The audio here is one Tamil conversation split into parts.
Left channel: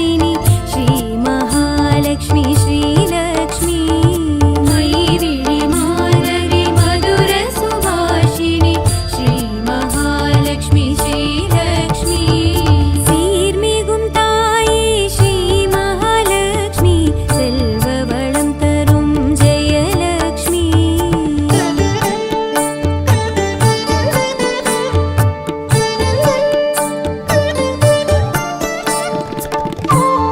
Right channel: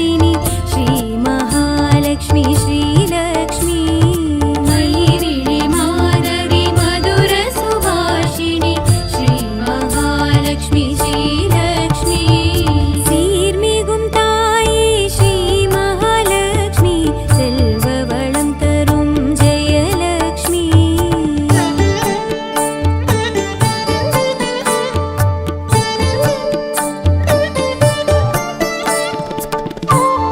सुभाषिणि श्री महालक्ष्मी श्रीलक्ष्मी मयि माधवी मधुर सुभाषिणि श्री महालक्ष्मी श्रीलक्ष्मी सीर्मिगुम ताये श्री महालक्ष्मी सेल्ववळम तरुम जयलक्ष्मी Oh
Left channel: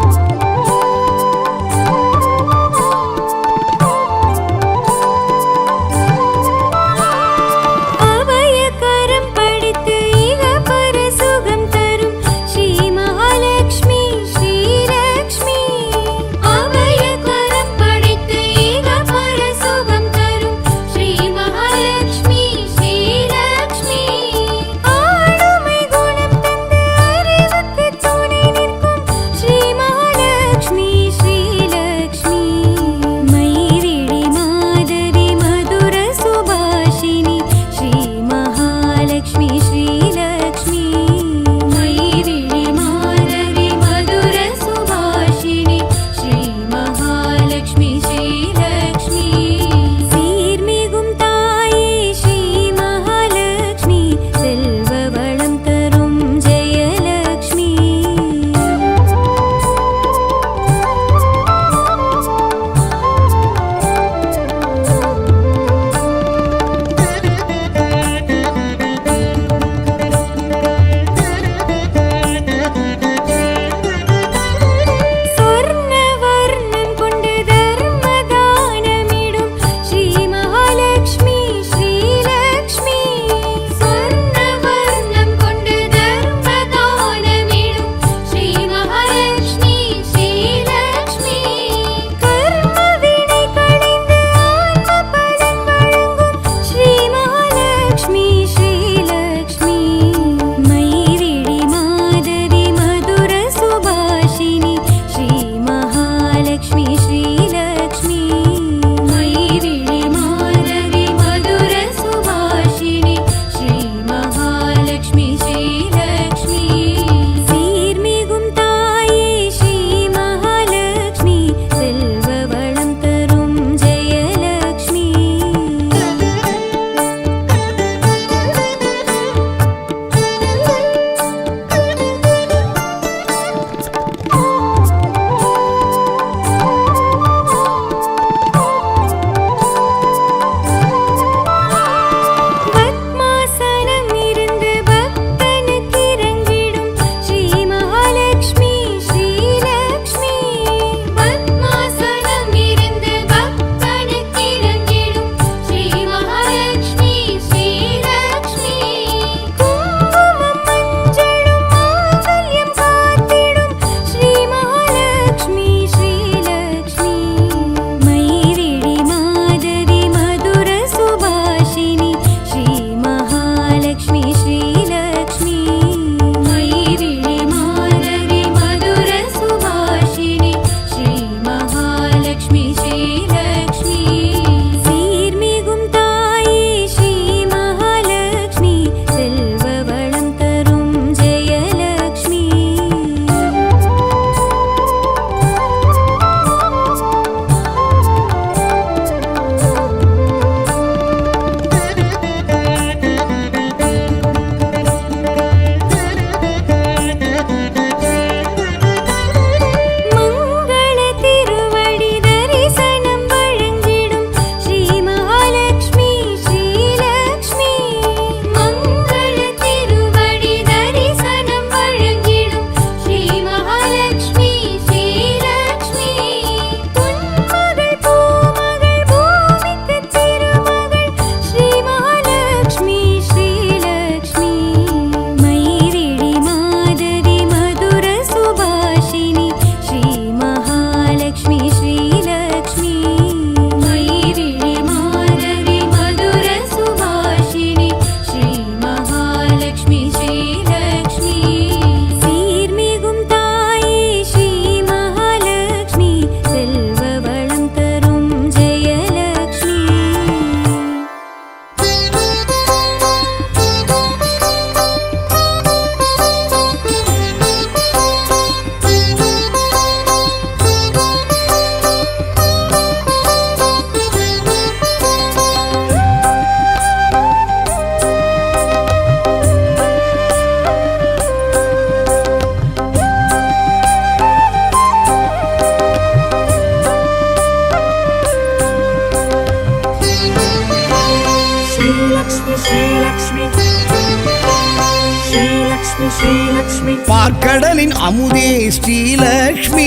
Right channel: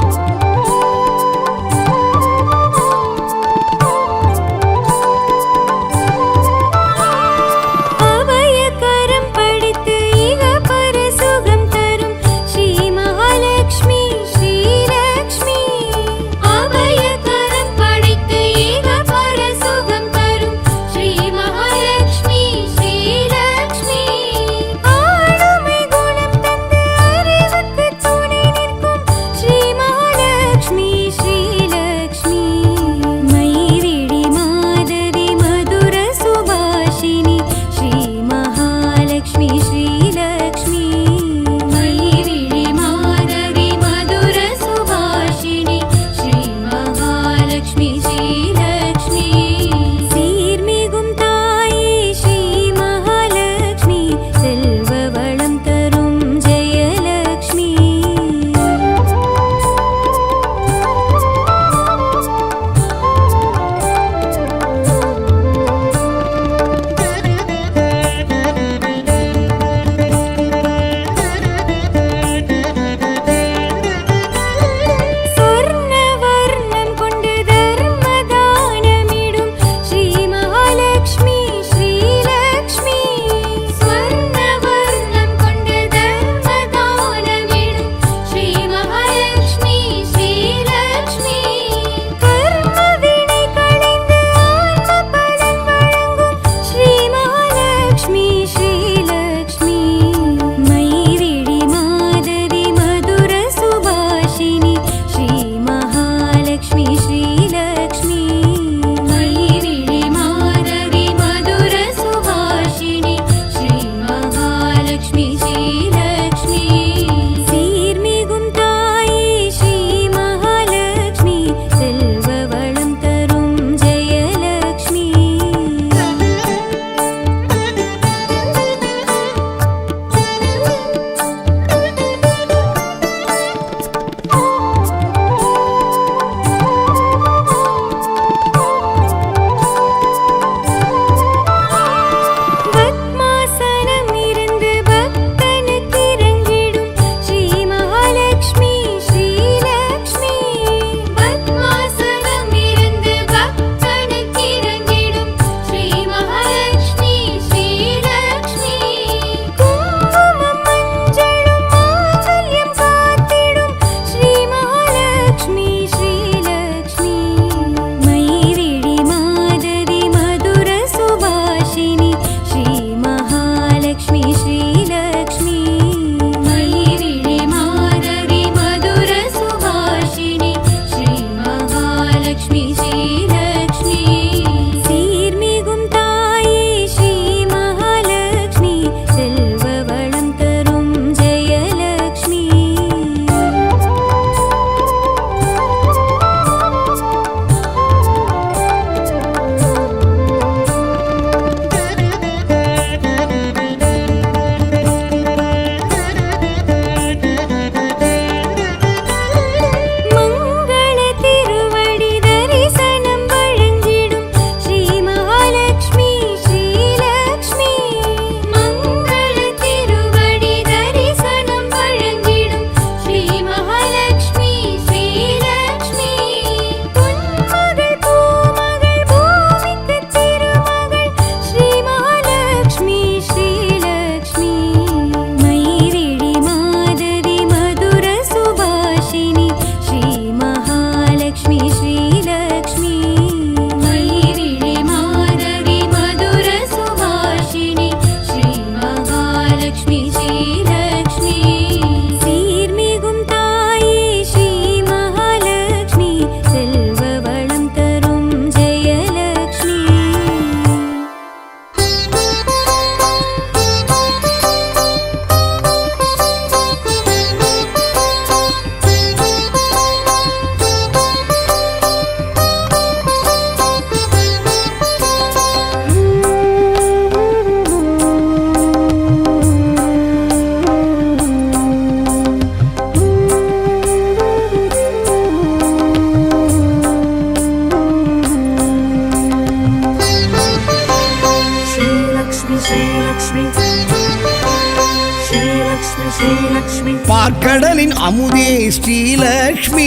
பார்க்கடலின் அமுதே ஸ்ரீலக்ஷ்மி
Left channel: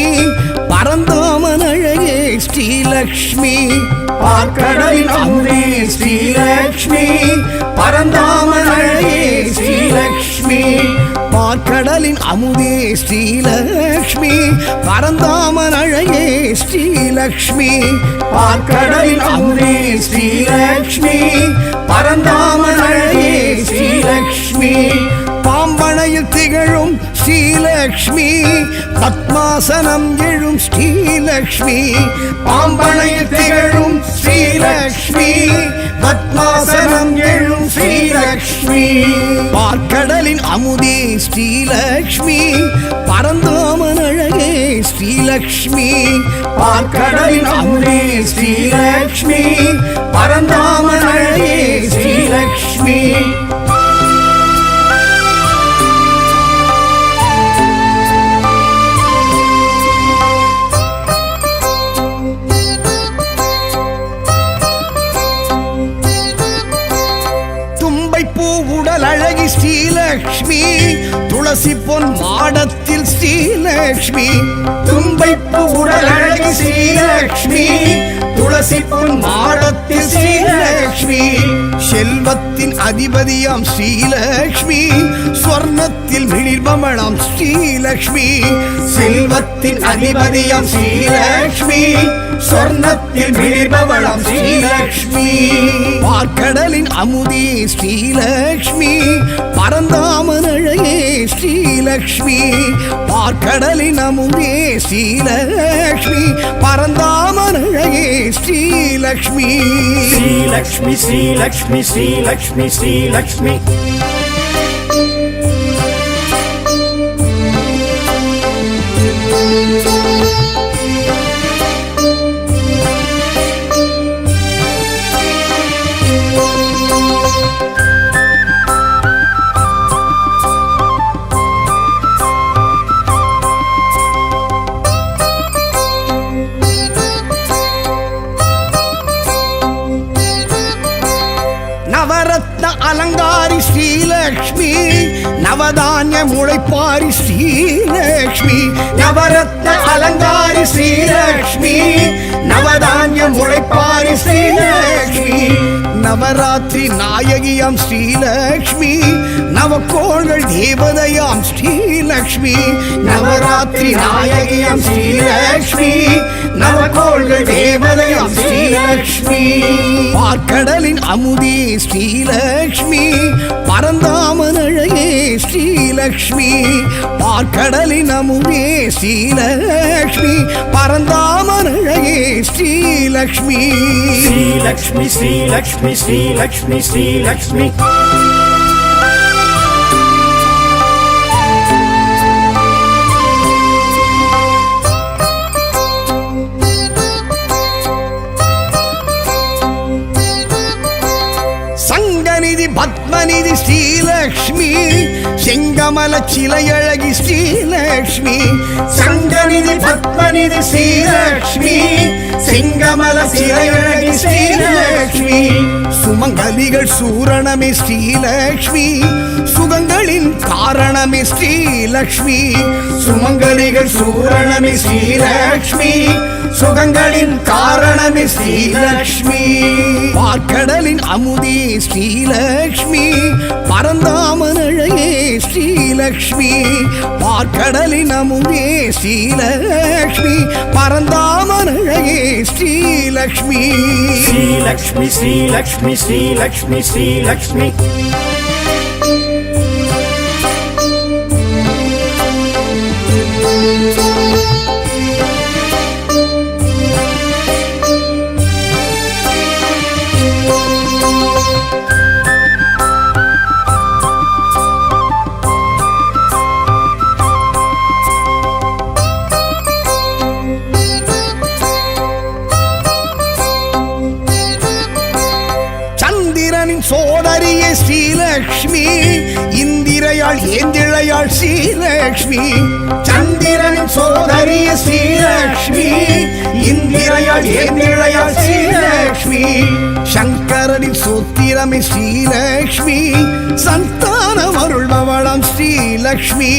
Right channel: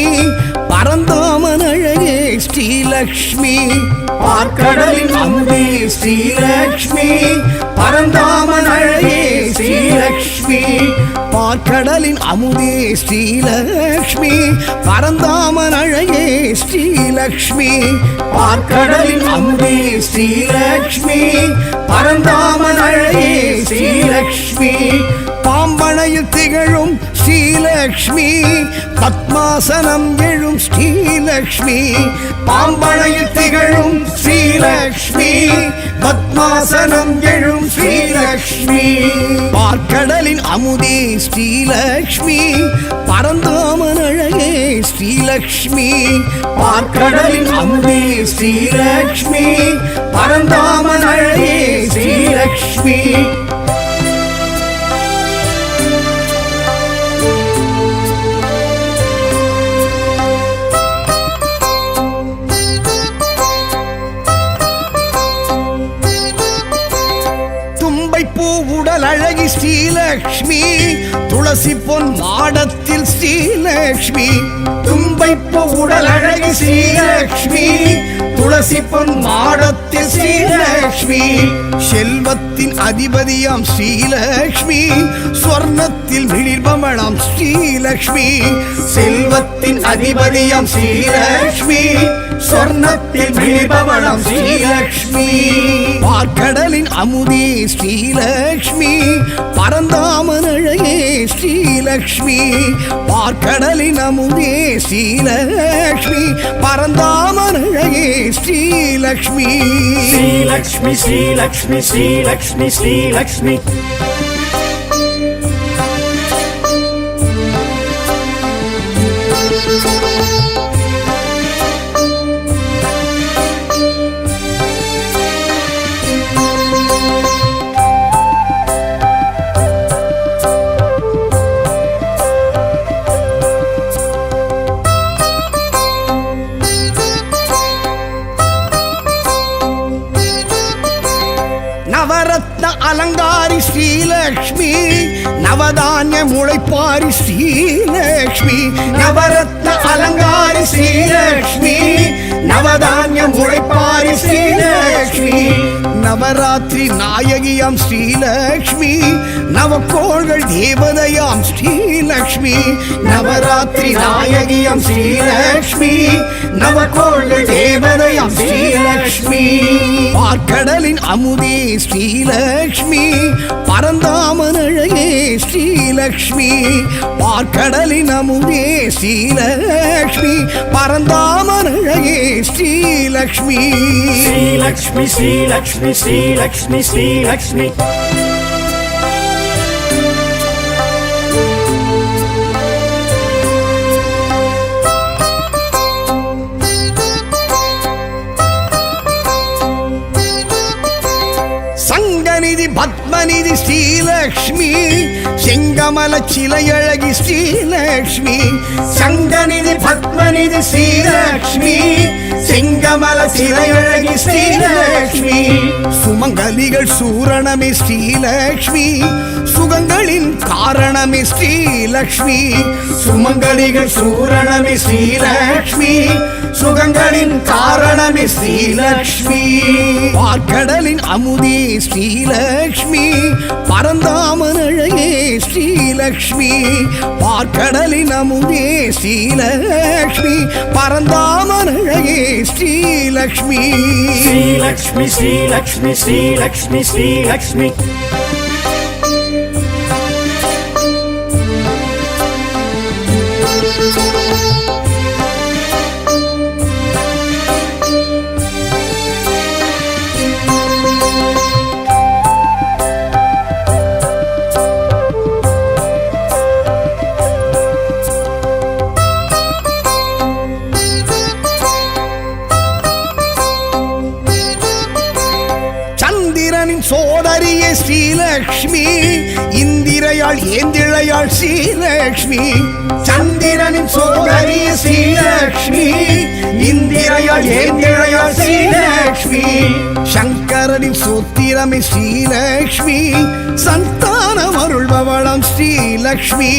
பரந்தாமன் அழகே ஸ்ரீலக்ஷ்மி பார்க்கடலின் அமுதே ஸ்ரீலக்ஷ்மி பரந்தாமன் அழகே ஸ்ரீலக்ஷ்மி பார்க்கடலின் அமுதே ஸ்ரீலக்ஷ்மி பரந்தாமன் அழகே ஸ்ரீலக்ஷ்மி பார்க்கடலின் அமுதே ஸ்ரீலக்ஷ்மி பரந்தாமன் அழகே ஸ்ரீலக்ஷ்மி பாம்பனையில் திகழும் ஸ்ரீலக்ஷ்மி பத்மாசனம் எழும் ஸ்ரீலக்ஷ்மி பாம்பனையில் திகழும் ஸ்ரீலக்ஷ்மி பத்மாசனம் எழும் ஸ்ரீலக்ஷ்மி பார்க்கடலின் அமுதே ஸ்ரீலக்ஷ்மி பரந்தாமன் அழகே ஸ்ரீலக்ஷ்மி பார்க்கடலின் அமுதே ஸ்ரீலக்ஷ்மி பரந்தாமன் அழகே ஸ்ரீலக்ஷ்மி பூ உடல் அழகி ஸ்ரீலக்ஷ்மி துளசி பொன் மாடத்தில் ஸ்ரீலக்ஷ்மி தும்பைப்பூ உடல் அழகி ஸ்ரீலக்ஷ்மி துளசி பொன் மாடத்தில் ஸ்ரீலக்ஷ்மி செல்வத்தின் அதிபதியாம் ஸ்ரீலக்ஷ்மி ஸ்வர்ணத்தில் மிளிர்பமணாம் ஸ்ரீலக்ஷ்மி செல்வத்தின் அதிபதியாம் ஸ்ரீலக்ஷ்மி ஸ்வர்ணத்தில் மிளிர்பவளாம் ஸ்ரீலக்ஷ்மி பார்க்கடலின் அமுதே ஸ்ரீலக்ஷ்மி பரந்தாமன் அழகே ஸ்ரீலக்ஷ்மி பார்க்கடலின் அமுதே ஸ்ரீலக்ஷ்மி பரந்தாமன் அழகே ஸ்ரீலக்ஷ்மி ஸ்ரீலக்ஷ்மி ஸ்ரீலக்ஷ்மி ஸ்ரீலக்ஷ்மி ஸ்ரீலக்ஷ்மி நவரத்ன அலங்காரி ஸ்ரீலக்ஷ்மி நவதானிய முளைப்பாரி ஸ்ரீலக்ஷ்மி நவரத்ன அலங்காரி ஸ்ரீலக்ஷ்மி நவதானிய முளைப்பாரி ஸ்ரீலக்ஷ்மி நவராத்திரி நாயகியாம் ஸ்ரீலக்ஷ்மி நவக்கோள்கள் தேவதையாம் ஸ்ரீலக்ஷ்மி நவராத்திரி நாயகியாம் ஸ்ரீலக்ஷ்மி நவக்கோள்கள் தேவதையாம் ஸ்ரீலக்ஷ்மி பார்க்கடலின் அமுதே ஸ்ரீலக்ஷ்மி பரந்தாமன் அழகே ஸ்ரீலக்ஷ்மி பார்க்கடலின் அமுதே ஸ்ரீலக்ஷ்மி பரந்தாமன் அழகே ஸ்ரீலக்ஷ்மி ஸ்ரீலக்ஷ்மி ஸ்ரீலக்ஷ்மி ஸ்ரீலக்ஷ்மி ஸ்ரீலக்ஷ்மி சங்கநிதி பத்மநிதி ஸ்ரீலக்ஷ்மி செங்கமல சிலையழகி ஸ்ரீலக்ஷ்மி சங்கநிதி பத்மநிதி ஸ்ரீலக்ஷ்மி செங்கமல சிலையழகி ஸ்ரீலக்ஷ்மி சுமங்கலிகள் சூரணமே ஸ்ரீலக்ஷ்மி சுகங்களின் காரணமே ஸ்ரீலக்ஷ்மி சுமங்கலிகள் சூரணமே ஸ்ரீலக்ஷ்மி சுகங்களின் காரணமே ஸ்ரீலக்ஷ்மி பார்க்கடலின் அமுதே ஸ்ரீலக்ஷ்மி பரந்தாமன் அழகே ஸ்ரீலக்ஷ்மி பார்க்கடலின் அமுதே ஸ்ரீலக்ஷ்மி பரந்தாமன் அழகே ஸ்ரீலக்ஷ்மி ஸ்ரீலக்ஷ்மி ஸ்ரீலக்ஷ்மி ஸ்ரீலக்ஷ்மி ஸ்ரீலக்ஷ்மி சந்திரனின் சோதரியே ஸ்ரீலக்ஷ்மி இந்திரையாள் ஏந்திழையாள் ஸ்ரீலக்ஷ்மி சந்திரனின் சோதரியே ஸ்ரீலக்ஷ்மி இந்திரையாள் ஏந்திழையாள் ஏந்திழையாள் ஸ்ரீலக்ஷ்மி சங்கரனின் சூத்திரமே ஸ்ரீலக்ஷ்மி சந்தானம் அருள்பவளாம் ஸ்ரீலக்ஷ்மி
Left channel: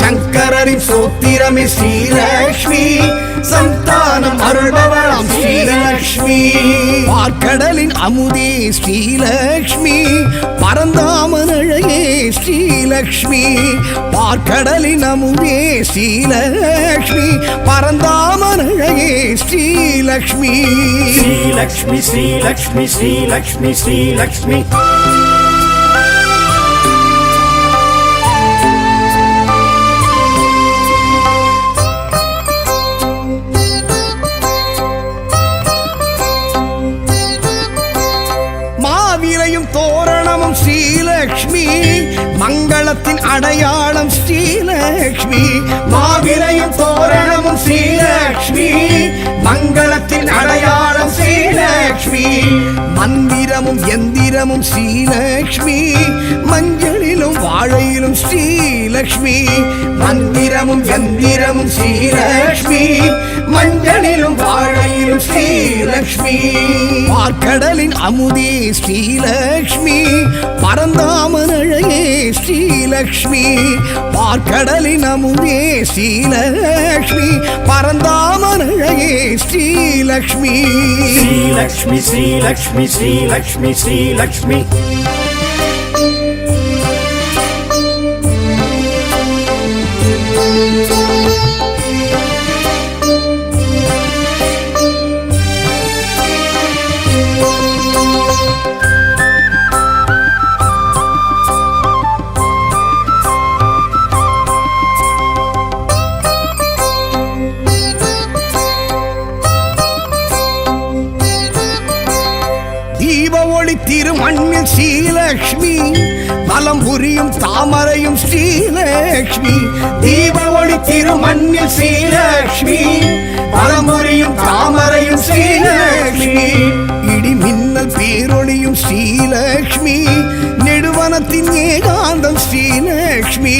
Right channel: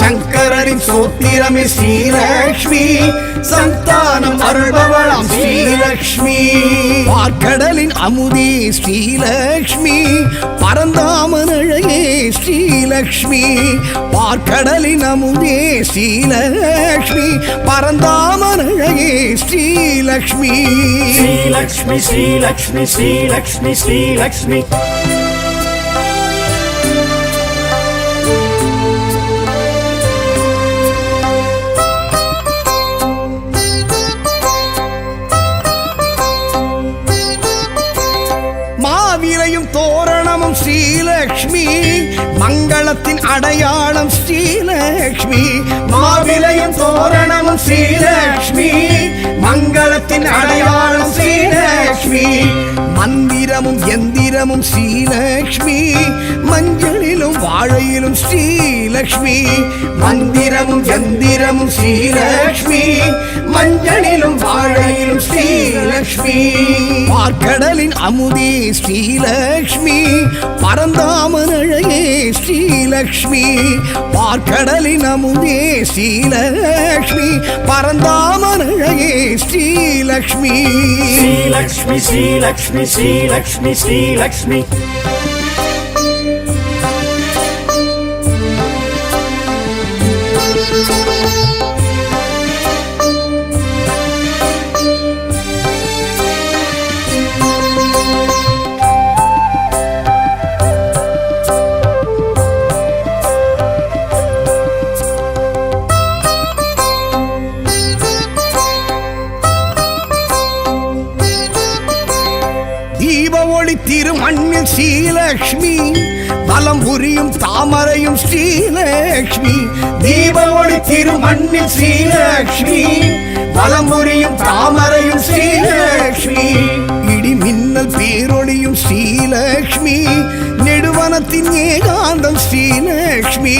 சங்கரனின் சூத்திரமே ஸ்ரீலக்ஷ்மி சந்தானம் அருள்பவளாம் ஸ்ரீலக்ஷ்மி பார்க்கடலின் அமுதே ஸ்ரீலக்ஷ்மி பரந்தாமன் அழகே ஸ்ரீலக்ஷ்மி பார்க்கடலின் அமுதே ஸ்ரீலக்ஷ்மி பரந்தாமன் அழகே ஸ்ரீலக்ஷ்மி ஸ்ரீலக்ஷ்மி ஸ்ரீலக்ஷ்மி ஸ்ரீலக்ஷ்மி ஸ்ரீலக்ஷ்மி மாவிலையும் தோரணமும் ஸ்ரீலக்ஷ்மி மங்களத்தின் அடையாளம் ஸ்ரீலக்ஷ்மி மாவிலையும் தோரணமும் ஸ்ரீலக்ஷ்மி மங்களத்தின் அடையாளம் ஸ்ரீலக்ஷ்மி மந்திரமும் எந்திரமும் ஸ்ரீலக்ஷ்மி மஞ்சளிலும் வாழையிலும் ஸ்ரீலக்ஷ்மி மந்திரமும் எந்திரமும் ஸ்ரீலக்ஷ்மி மஞ்சளிலும் வாழையிலும் ஸ்ரீலக்ஷ்மி பார்க்கடலின் அமுதே ஸ்ரீலக்ஷ்மி பரந்தாமன் அழகே ஸ்ரீலக்ஷ்மி பார்க்கடலின் அமுதே ஸ்ரீலக்ஷ்மி பரந்தாமன் அழகே ஸ்ரீலக்ஷ்மி ஸ்ரீலக்ஷ்மி ஸ்ரீலக்ஷ்மி ஸ்ரீலக்ஷ்மி ஸ்ரீலக்ஷ்மி தீப ஒளி திருமண்ணில் ஸ்ரீலக்ஷ்மி பலம் புரியும் தாமரையும் ஸ்ரீலக்ஷ்மி தீப ஒளி திருமண்ணில் ஸ்ரீலக்ஷ்மி பலம் புரியும் தாமரையும் ஸ்ரீலக்ஷ்மி இடி மின்னல் பேரொளியும் ஸ்ரீலக்ஷ்மி நெடுவனத்தின் ஏகாந்தம் ஸ்ரீலக்ஷ்மி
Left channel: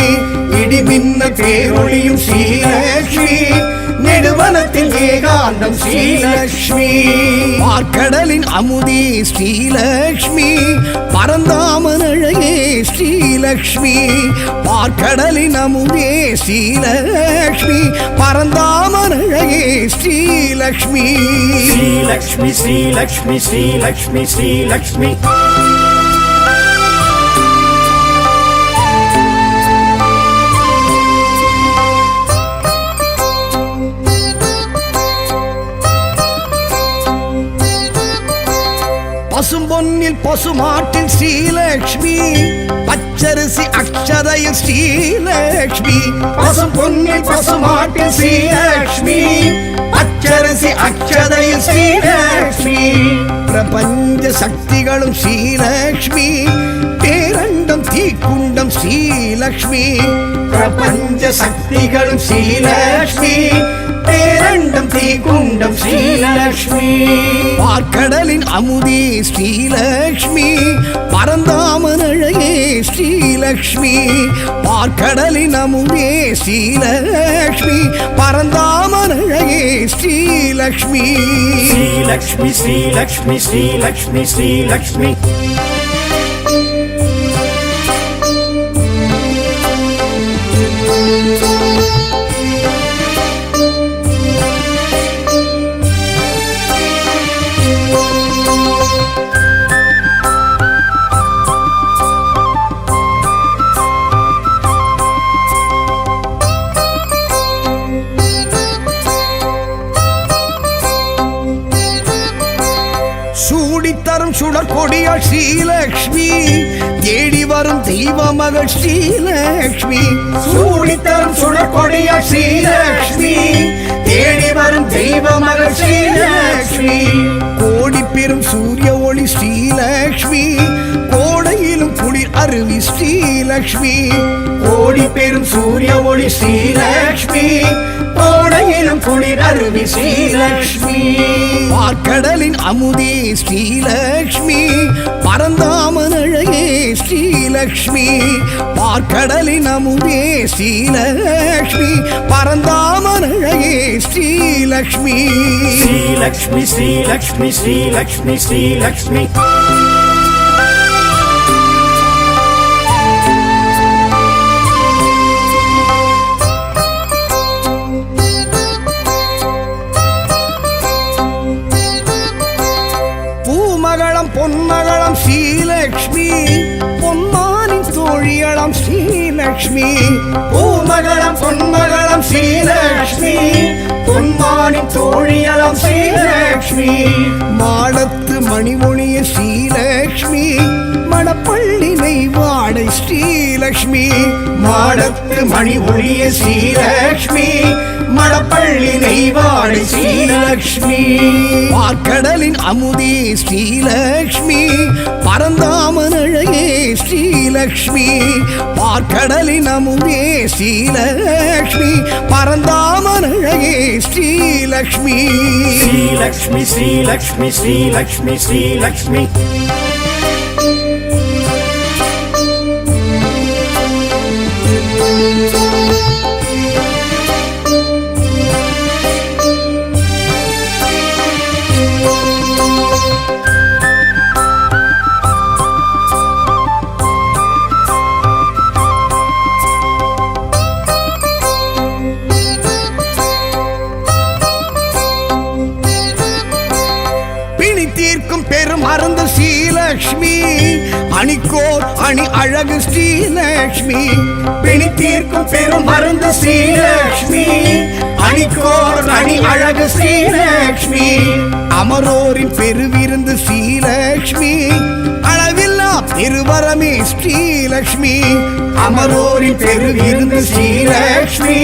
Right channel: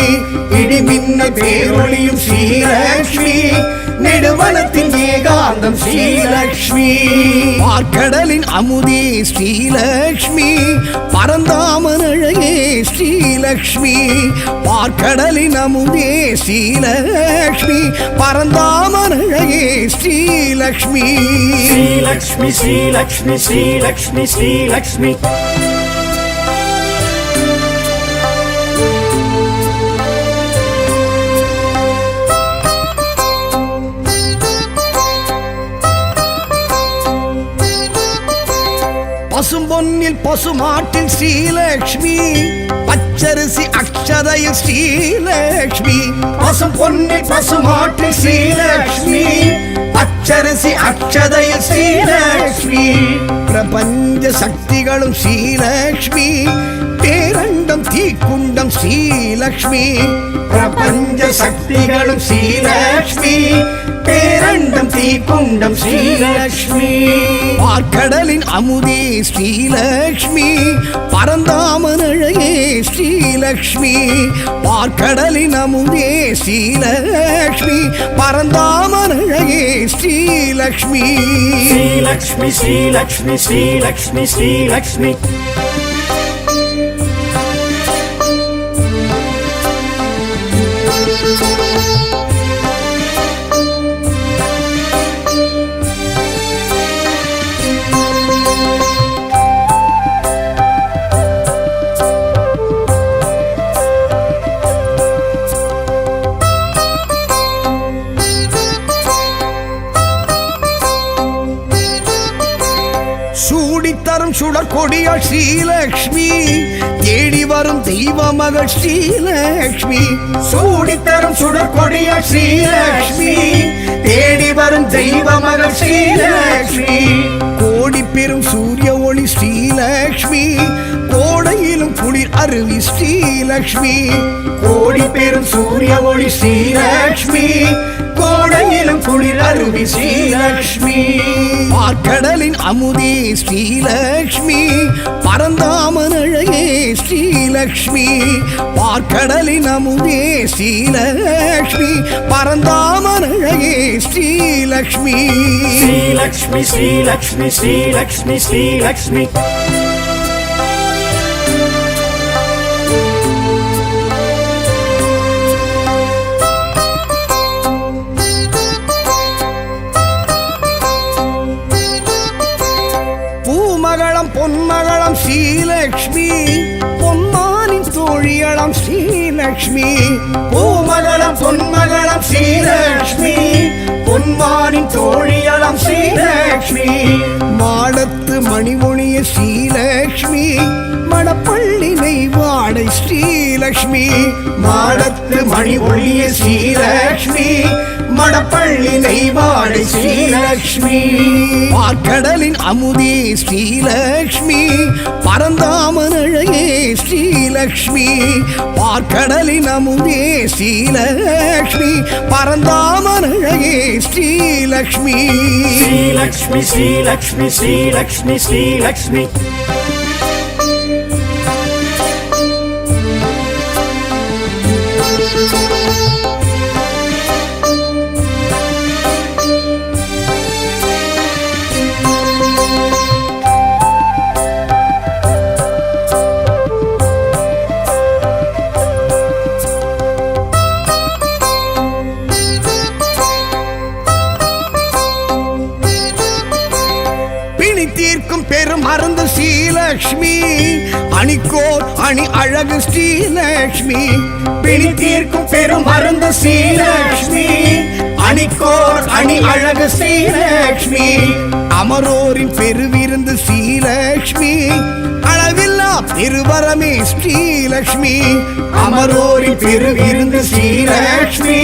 இடி மின்னல் பேரொளியும் ஸ்ரீலக்ஷ்மி நெடுவனத்தின் ஏகாந்தம் ஸ்ரீலக்ஷ்மி பார்க்கடலின் அமுதே ஸ்ரீலக்ஷ்மி பரந்தாமன் அழகே ஸ்ரீலக்ஷ்மி பார்க்கடலின் அமுதே ஸ்ரீலக்ஷ்மி பரந்தாமன் அழகே ஸ்ரீலக்ஷ்மி ஸ்ரீலக்ஷ்மி ஸ்ரீலக்ஷ்மி ஸ்ரீலக்ஷ்மி ஸ்ரீலக்ஷ்மி பசும்பொன்னில் பசுமாட்டில் ஸ்ரீலக்ஷ்மி பச்சரிசி அக்ஷதையில் ஸ்ரீலக்ஷ்மி பசும்பொன்னில் பசுமாட்டில் ஸ்ரீலக்ஷ்மி பச்சரிசி அக்ஷதையில் ஸ்ரீலக்ஷ்மி பிரபஞ்ச சக்திகளும் ஸ்ரீலக்ஷ்மி பேரண்டம் தீக்குண்டம் ஸ்ரீலக்ஷ்மி பிரபஞ்ச சக்திகளும் ஸ்ரீலக்ஷ்மி பேரண்டம் தீக்குண்டம் ஸ்ரீலக்ஷ்மி பார்க்கடலின் அமுதே ஸ்ரீலக்ஷ்மி பரந்தாமன் அழகே ஸ்ரீலக்ஷ்மி பார்க்கடலின் அமுதே ஸ்ரீலக்ஷ்மி பரந்தாமன் அழகே ஸ்ரீலக்ஷ்மி ஸ்ரீலக்ஷ்மி ஸ்ரீலக்ஷ்மி ஸ்ரீலக்ஷ்மி ஸ்ரீலக்ஷ்மி சூடித்தரும் சுடற்கொடியாள் ஸ்ரீலக்ஷ்மி தேடி வரும் தெய்வ மகள் ஸ்ரீலக்ஷ்மி சூடித்தரும் சுடற்கொடியாள் ஸ்ரீலக்ஷ்மி தேடி வரும் தெய்வ மகள் ஸ்ரீலக்ஷ்மி கோடி பெரும் சூரிய ஒளி ஸ்ரீலக்ஷ்மி கோடையிலும் குளிர் அருவி ஸ்ரீலக்ஷ்மி கோடி பெரும் சூரிய ஒளி ஸ்ரீலக்ஷ்மி கோடையிலும் குளிர் அருவி ஸ்ரீலக்ஷ்மி பார்க்கடலின் அமுதே ஸ்ரீலக்ஷ்மி பரந்தாமன் அழகே ஸ்ரீலக்ஷ்மி பார்க்கடலின் அமுதே ஸ்ரீலக்ஷ்மி பரந்தாமன் அழகே ஸ்ரீலக்ஷ்மி ஸ்ரீலக்ஷ்மி ஸ்ரீலக்ஷ்மி ஸ்ரீலக்ஷ்மி ஸ்ரீலக்ஷ்மி ஸ்ரீலக்ஷ்மி பூமகளம் பொன்மகளம் ஸ்ரீலக்ஷ்மி பொன்மானின் தோழியளம் ஸ்ரீலக்ஷ்மி பூமகளம் பொன்மகளம் ஸ்ரீலக்ஷ்மி பொன்மானின் தோழியளம் ஸ்ரீலக்ஷ்மி மாடத்து மணிமொழிய ஸ்ரீலக்ஷ்மி மணப்பள்ளி நெய்வாடை ஸ்ரீலக்ஷ்மி மாடத்து மணிமொழிய ஸ்ரீலக்ஷ்மி மணப்பள்ளி நெய்வாடை ஸ்ரீலக்ஷ்மி பார்க்கடலின் அமுதே ஸ்ரீலக்ஷ்மி பரந்தாமன் அழகே ஸ்ரீலக்ஷ்மி பார்க்கடலின் அமுதே ஸ்ரீலக்ஷ்மி பரந்தாமன் அழகே ஸ்ரீலக்ஷ்மி ஸ்ரீலக்ஷ்மி ஸ்ரீலக்ஷ்மி ஸ்ரீலக்ஷ்மி ஸ்ரீலக்ஷ்மி தீர்க்கும் பெரும் மருந்து ஸ்ரீலக்ஷ்மி அணிக்கோர் அணி அழகு ஸ்ரீலக்ஷ்மி பிணி தீர்க்கும் பெரும் மருந்து ஸ்ரீலக்ஷ்மி அணிக்கோர் அணி அழகு ஸ்ரீலக்ஷ்மி அமரோரின் பெருவிருந்து ஸ்ரீலக்ஷ்மி அளவில்லா பெருவரமே ஸ்ரீலக்ஷ்மி அமரோரின் பெருவிருந்து ஸ்ரீலக்ஷ்மி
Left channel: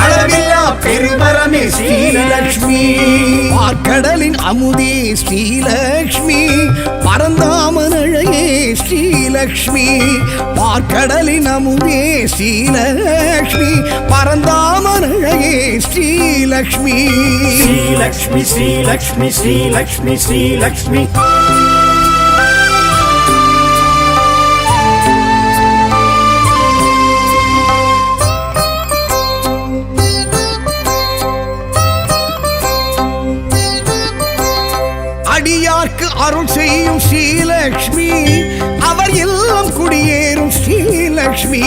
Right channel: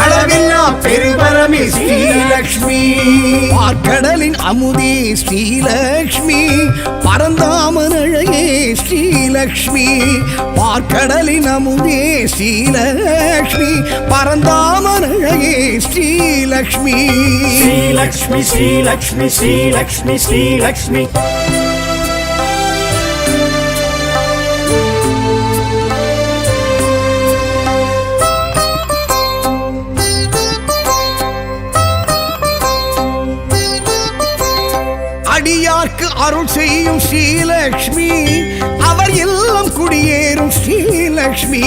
அளவில்லா பெருவரமே ஸ்ரீலக்ஷ்மி பார்க்கடலின் அமுதே ஸ்ரீலக்ஷ்மி பரந்தாமன் அழகே ஸ்ரீலக்ஷ்மி பார்க்கடலின் அமுதே ஸ்ரீலக்ஷ்மி பரந்தாமன் அழகே ஸ்ரீலக்ஷ்மி ஸ்ரீலக்ஷ்மி ஸ்ரீலக்ஷ்மி ஸ்ரீலக்ஷ்மி ஸ்ரீலக்ஷ்மி அடியார்க்கு அருள் செய்யும் ஸ்ரீலக்ஷ்மி அவர் இல்லம் குடியேறும் ஸ்ரீலக்ஷ்மி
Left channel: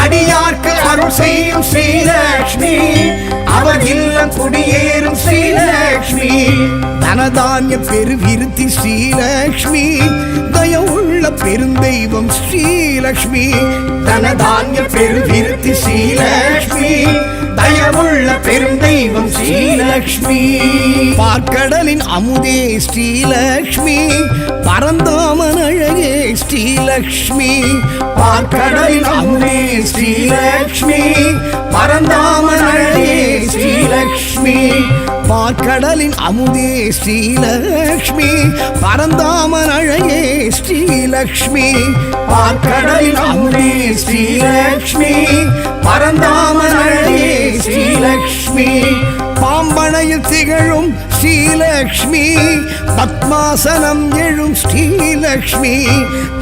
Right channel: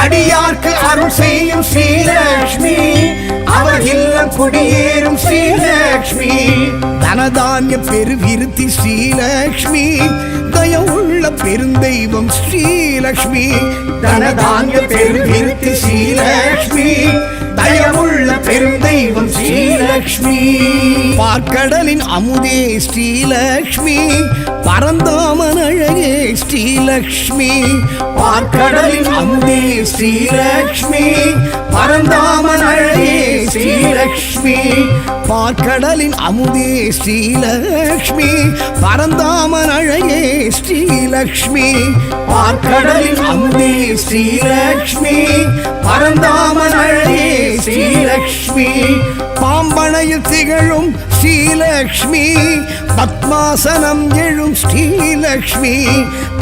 அடியார்க்கு அருள் செய்யும் ஸ்ரீலக்ஷ்மி அவர் இல்லம் குடியேறும் ஸ்ரீலக்ஷ்மி தனதானிய பெருவிருத்தி ஸ்ரீலக்ஷ்மி தயவுள்ள பெருந்தெய்வம் ஸ்ரீலக்ஷ்மி தனதானிய பெருவிருத்தி ஸ்ரீலக்ஷ்மி தயவுள்ள பெருந்தெய்வம் ஸ்ரீலக்ஷ்மி பார்க்கடலின் அமுதே ஸ்ரீலக்ஷ்மி பரந்தாமன் அழகே ஸ்ரீலக்ஷ்மி பார்க்கடலின் அமுதே ஸ்ரீலக்ஷ்மி பரந்தாமன் அழகே ஸ்ரீலக்ஷ்மி பார்க்கடலின் அமுதே ஸ்ரீலக்ஷ்மி பரந்தாமன் அழகே ஸ்ரீலக்ஷ்மி பார்க்கடலின் அமுதே ஸ்ரீலக்ஷ்மி பரந்தாமன் அழகே ஸ்ரீலக்ஷ்மி பாம்பனையில் திகழும் ஸ்ரீலக்ஷ்மி பத்மாசனம் எழும் ஸ்ரீலக்ஷ்மி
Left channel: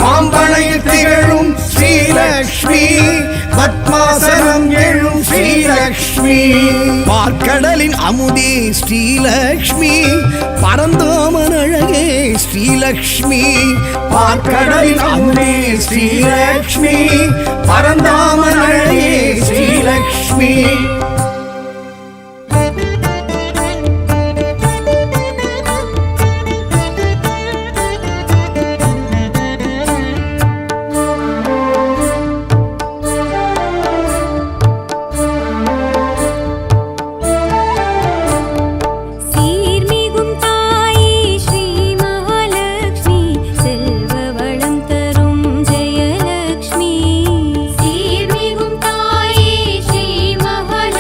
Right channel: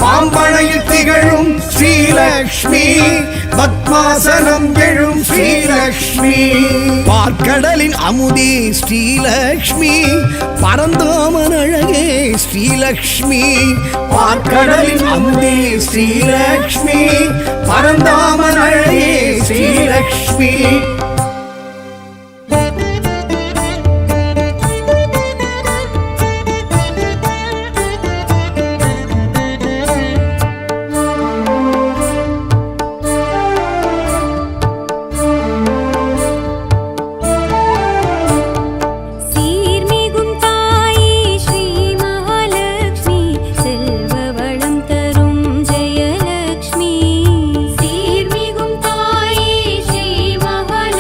பாம்பனையில் திகழும் ஸ்ரீலக்ஷ்மி பத்மாசனம் எழும் ஸ்ரீலக்ஷ்மி பார்க்கடலின் அமுதே ஸ்ரீலக்ஷ்மி பரந்தாமன் அழகே ஸ்ரீலக்ஷ்மி பார்க்கடலின் அமுதே ஸ்ரீலக்ஷ்மி பரந்தாமன் அழகே ஸ்ரீலக்ஷ்மி சீர்மிகும் தாயே ஸ்ரீ மகாலட்சுமி செல்வ வளம் தரும் ஜெயலட்சுமி சீர்மிகும் தாயே ஸ்ரீ மகாலட்சுமி